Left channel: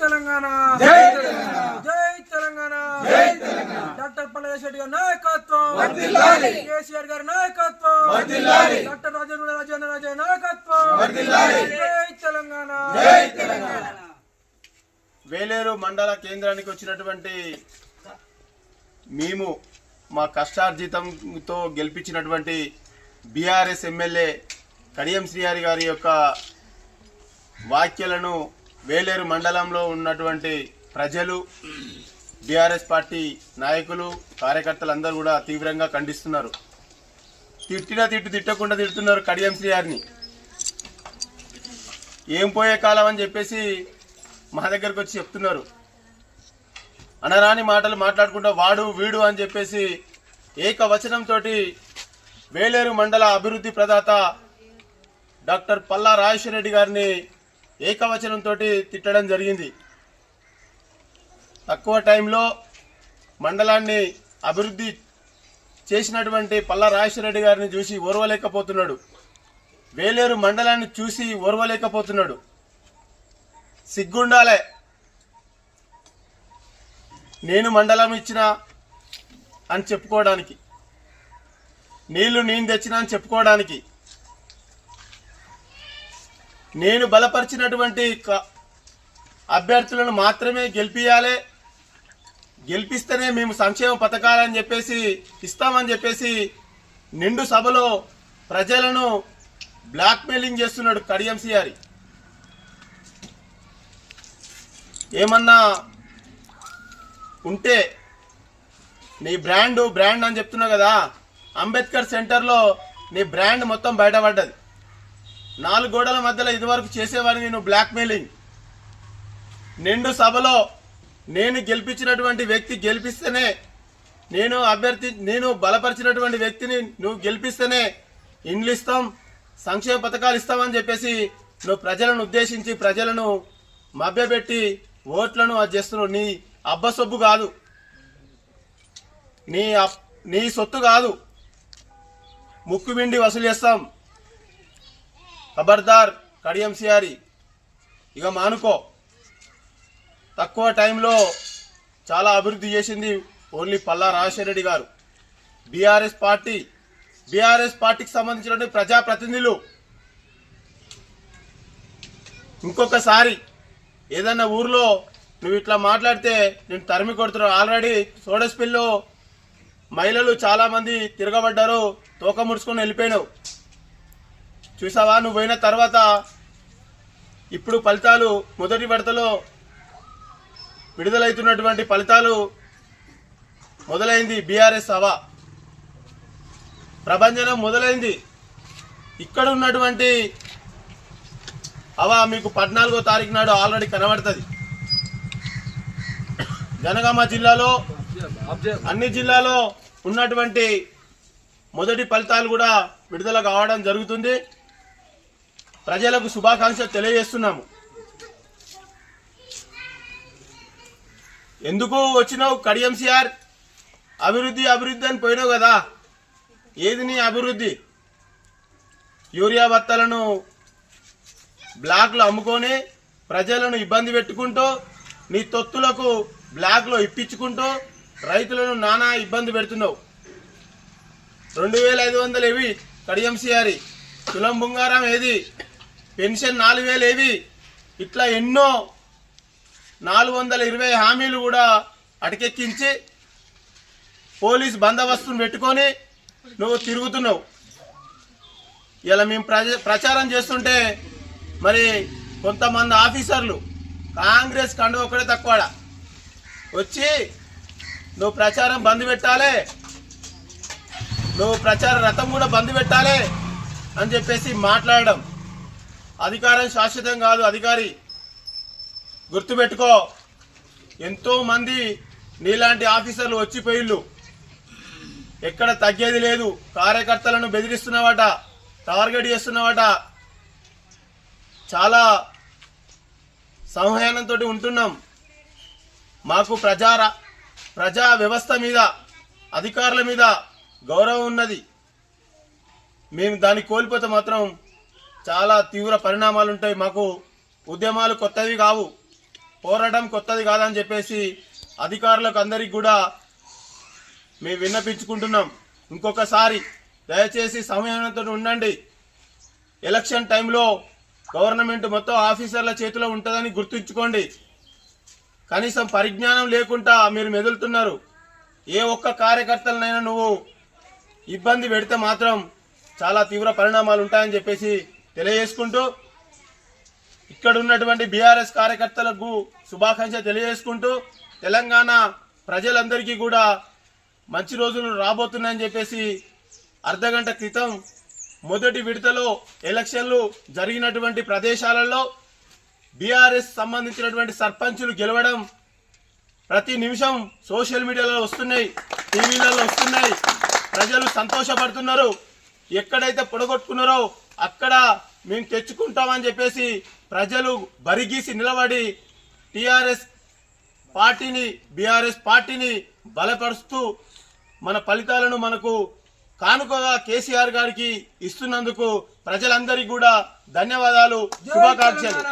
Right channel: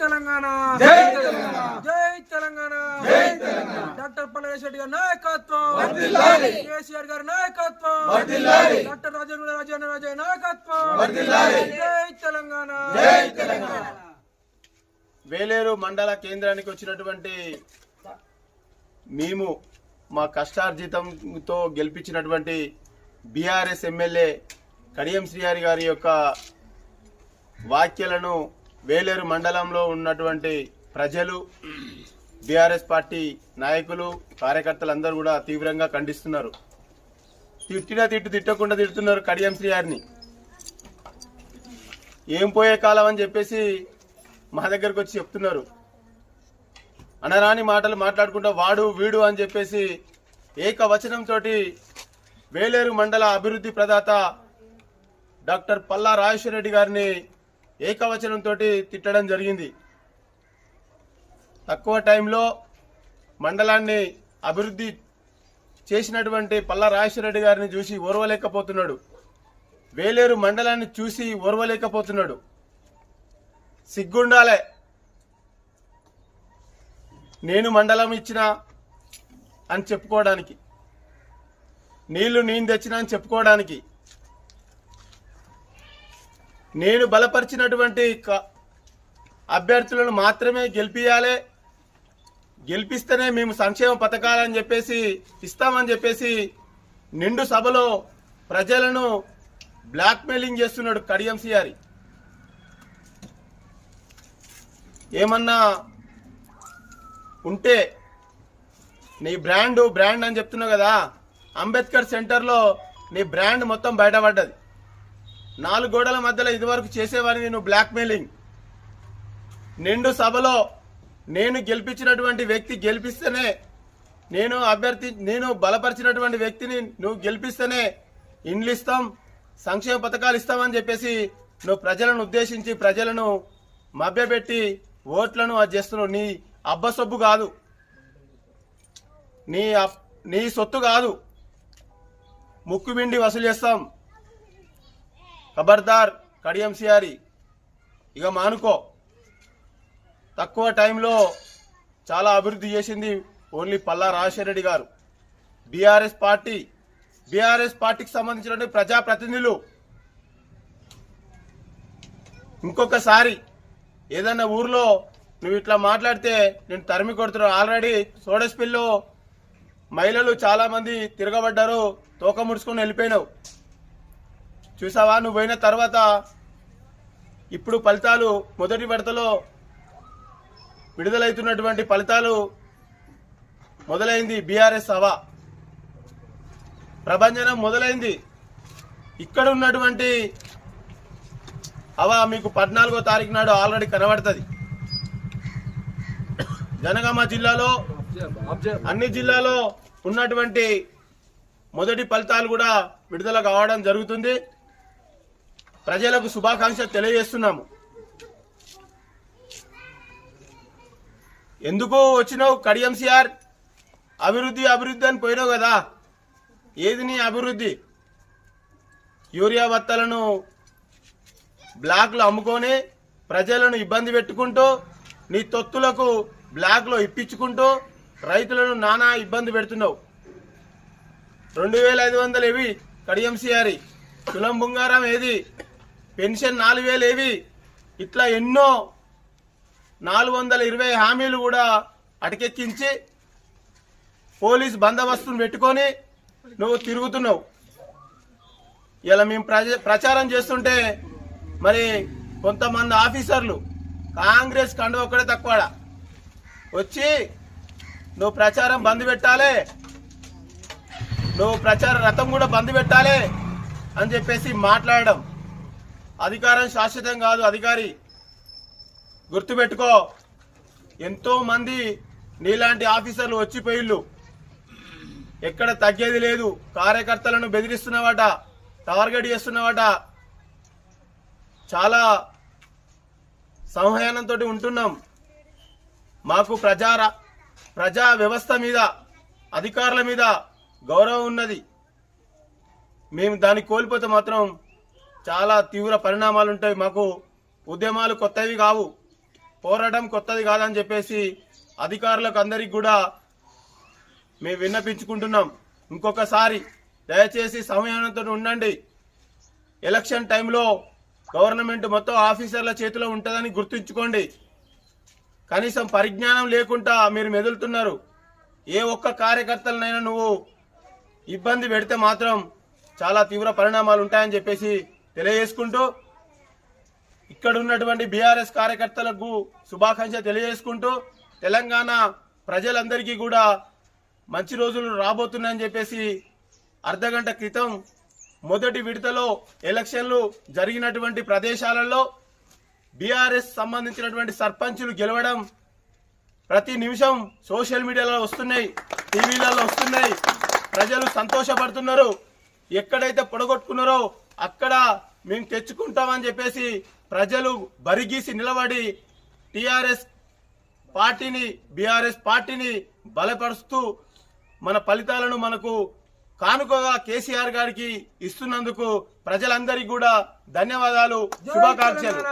తెలంగాణ. జై తెలంగాణ. డాక్టర్ పల్లె రెడ్డి గారి నాయకత్వం. కేసీఆర్ గారి నాయకత్వం. డాక్టర్ రాజేంద్ర రాజేంద్ర రాజే నాయకత్వం. జై తెలంగాణ. వేలేరు మండల కేంద్రానికి వచ్చినటువంటి మేము మా కష్టార్జితంతో గెలిపించినటువంటి బీఆర్ఎస్ ఎమ్మెల్యే కడియం శ్రీహరి గారి యొక్క వ్యాఖ్యలను వేలేరు మండలంలో ఉన్నటువంటి ప్రజలు బీఆర్ఎస్ పార్టీ నాయకులు కార్యకర్తలు అందరూ కూడా తీవ్రంగా ఖండిస్తున్నారు. తిట్టినా తిట్టు తిట్టకుండా తిడుతున్నారు కడియం శ్రీహారిని ఏం పోయే కాలం అని చెప్పేసి మా దగ్గరకు వచ్చి చెప్తున్నారు. అనరాని మాటలు మాట్లాడుకుంటా వాడు వీడు అని చెప్పేసి ఏకవచనంతో వేలేరు మండల అభివృద్ధి ప్రదాత డాక్టర్ పల్లా రాజేశ్వర రెడ్డి గారిని ఏకవచనంతో తిట్టడం జరిగింది. తక్కువ టైంలో మండలాన్ని అభివృద్ధి చేసినటువంటి పల్లా రాజశేఖరరెడ్డి రెడ్డి గారిని చూసి ఓర్వలేకపోతున్నాడు. వేలేరు మండలాన్ని చూసి ఓర్వలేకపోతున్నాడు. సిగ్గుండాలే. నేను మండలం ఇచ్చిన అని చెప్పుకోవడానికి నీళ్ళు నేను తెచ్చిన అని చెప్పుకోవడానికి నేను బలపరిచినటువంటి క- అభ్యర్థులను మాత్రమే గెలిపియాలి. గెలిపిస్తేనే మేము సంక్షేమ పథకాలని చెప్పేసి ఇస్తామని చెప్పేసి నిండు సభలో ప్రజలను బ్లాక్మెయిలింగ్ చేస్తున్నాడు కడియం సిఆరి. ఏమన్నా ఉంటే నీ బ్రాండ్ బ్రాండ్ అని చెప్తున్నావు కదా అంబేద్కర్ సెంటర్లో నీ బ్రాండ్ మొత్తం బయటపడ్డది. నాలుగు గోడల మధ్యలో ఇదివరకు చేసేవాడిని నువ్వు బ్లాక్మెయిలింగ్ నిండు సభలో నేను గెలిపించినటువంటి వ్యక్తి గెలిపిస్తేనే నేను అభ్యర్థి నేను బలపరిచినటువంటి వ్యక్తిని నువ్వు గెలిపిస్తేనే ఇండ్లు ఇస్తాం సంక్షేమ పథకాలు ఇస్తామని చెప్పేసి నువ్వు ప్రజలను ఉద్దేశించి ప్రజలను మభ్యపెట్టి ఓట్లను అది చేస్తున్నావు. నీ అబ్బ సొబ్బు కాదు. నీ అప్- నీ సొత్తు కాదు. ముక్కు పిండి వసూలు చేస్తాం. ఖబర్దార్ కడియం సియారి ఇక మానుకో తక్కువ టైంలో చాలా అభివృద్ధి చేసింది ఓన్లీ పల్లా రాజశేఖరరెడ్డి గారు బీఆర్ఎస్ పార్టీ బీఆర్ఎస్ పార్టీకి సంబంధించిన ప్రజాప్రతినిధులు ఇంకొకసారి ఏదన్నా ఊర్లో నువ్వు ఇట్లా మాట్లాడితే నేను తరిమి కొడుతున్నావు ఆల్రెడీ సోడస్పిల్లో మహిళలు చాలామంది తిరగబడ్డారు తోక ముడుచుకొని వెళ్ళిపోయినావు చూసావా? నువ్వు పోయిన తర్వాత ఇప్పుడు ఫలితాలు మొదటి విడతలో విడుదలవుతున్నటువంటి ఫలితాలు మొదలైంది బీఆర్ఎస్ హవా ప్రభంజనం మొదలైంది. ఇక్కడ ఉన్నటువంటి హవా మీకు పద్నాలుగో తారీఖు నాడు ఆల్రెడీ కనబడుతుంది. జనగామ జిల్లాలో అన్ని జిల్లాలో ఉన్నటువంటి మొదటి ఫలితాలు కూడా విడుదల కావడం జరుగుతుంది. ప్రజలకు శుభాకాంక్షలు తెలియజేస్తున్నాము. ఎందుకు వచ్చినావు కడియం సిఆర్ అభివృద్ధి అభివృద్ధి అని పోయినావు కదా. ఏది నీ అభివృద్ధి? యూరియా బత్తలను బ్లాక్లో అమ్ముకొని ప్రజలను ఇబ్బంది పెట్టుకుంటూ నీ తొత్తులకు బ్లాక్లో ఇప్పించుకుంటూ రైతులను నానా ఇబ్బంది పెడుతున్నావు. రెండు వేల ఐదు వందలు ఏవి? కడియం సిఆరి తులం బుంగారం ఏది? పెన్షన్ నాలుగు వేలు ఏవి ఇట్లా ఎన్నో నాలుగు వందల ఇరవై హామీలు కూడా అటకెక్కించి పోలీస్ బందోబస్తును పెట్టుకొని నువ్వు తిరుగుతున్నావు. ఇలా మేము ప్రచారం చేస్తుంటే మరి కొంతమంది ఆఫీసర్లు కాంగ్రెస్ కండు ఒక్కడే తక్కువ వచ్చి నువ్వు ప్రచారం బంద్ పెట్టాలి. నువ్వు ప్రచార రథం కూడా బంద్ పెట్టాలి అని చెప్పేసి మాట్లాడడం. అధికారం శాశ్వతం కాదు అధికారి గుర్తుపెట్టుకో. ఎంతో మంది నీలాంటి ఆఫీసర్లు వచ్చిపోయిళ్ళు ఎక్కడ తగ్గేది లేదు. కార్యకర్తలను బెదిరిస్తున్నావట టార్గెట్ చేస్తున్నావట. చాలా సంహయానంతో ఉంటున్నాం. మాకు ప్రజా ప్రజా వ్యవస్థ మీద అధికారుల మీద గౌరవం ఉన్నది. మేము దాన్ని కోల్పోతే మాత్రం చాలా తీవ్ర పరిణామాలు ఉంటాయి మాకు ఉద్యమాలు కొత్తవి కావు. పోరాటం కొత్తది కాదని చెప్పేసి అధికారులకు అందరికి కూడా మేము విన్నపించుకుంటున్నాం. ఇంకొకసారి దయచేసి సమయంతో ఉండండి. ఎలక్షన్ టైంలో గవర్నమెంట్ మొత్తం ఆఫీసర్ల చేతిలో ఉంటుందని గుర్తుంచుకోండి. కనీసం పరిజ్ఞానం లేకుండా మీరు మెదులుతున్నారు. ఏ ఒక్క కార్యకర్తలనైనా నువ్వు ఇబ్బంది పెడితే మాత్రం చాలా తీవ్ర పరిణామాలు ఉంటాయని చెప్పేసి తెలియజేసుకుంటూ ఇక్కడ ఉన్నటువంటి బీఆర్ఎస్ కార్యకర్తలకు శుభాకాంక్ష తెలియజేసుకుంటూ తెలంగాణ ప్రజలందరికీ కూడా మంచి రోజులు రాబోతున్నాయని చెప్పేసి అర్ధగంట క్రితం మొదటి విడతలో ఎలక్షన్లు జరిగినటువంటి ప్రదేశాలలో బీఆర్ఎస్ సంబంధించినటువంటి సర్పంచులు గెలవడం ప్రతి నిమిషం సోషల్ మీడియాలో వస్తున్నాయి టీవీలలో వస్తున్నాయి. ప్రజలు సంతోషపడుతున్నారు. ఎక్కడైతే పొడగొట్టుకున్నారో అక్కడ మేము తెచ్చుకుంటామని చెప్పేసి ప్రజలు బరిగీసి నిలబడి టిఆర్ఎస్ పార్టీని బీఆర్ఎస్ పార్టీని బలపరుస్తూ మన ఫలితాలను మనకు కానుకగా కేసీఆర్ గారికి ఇస్తున్నందుకు ప్రజలందరికీ కూడా ధన్యవాదాలు శుభాకాంక్షలు.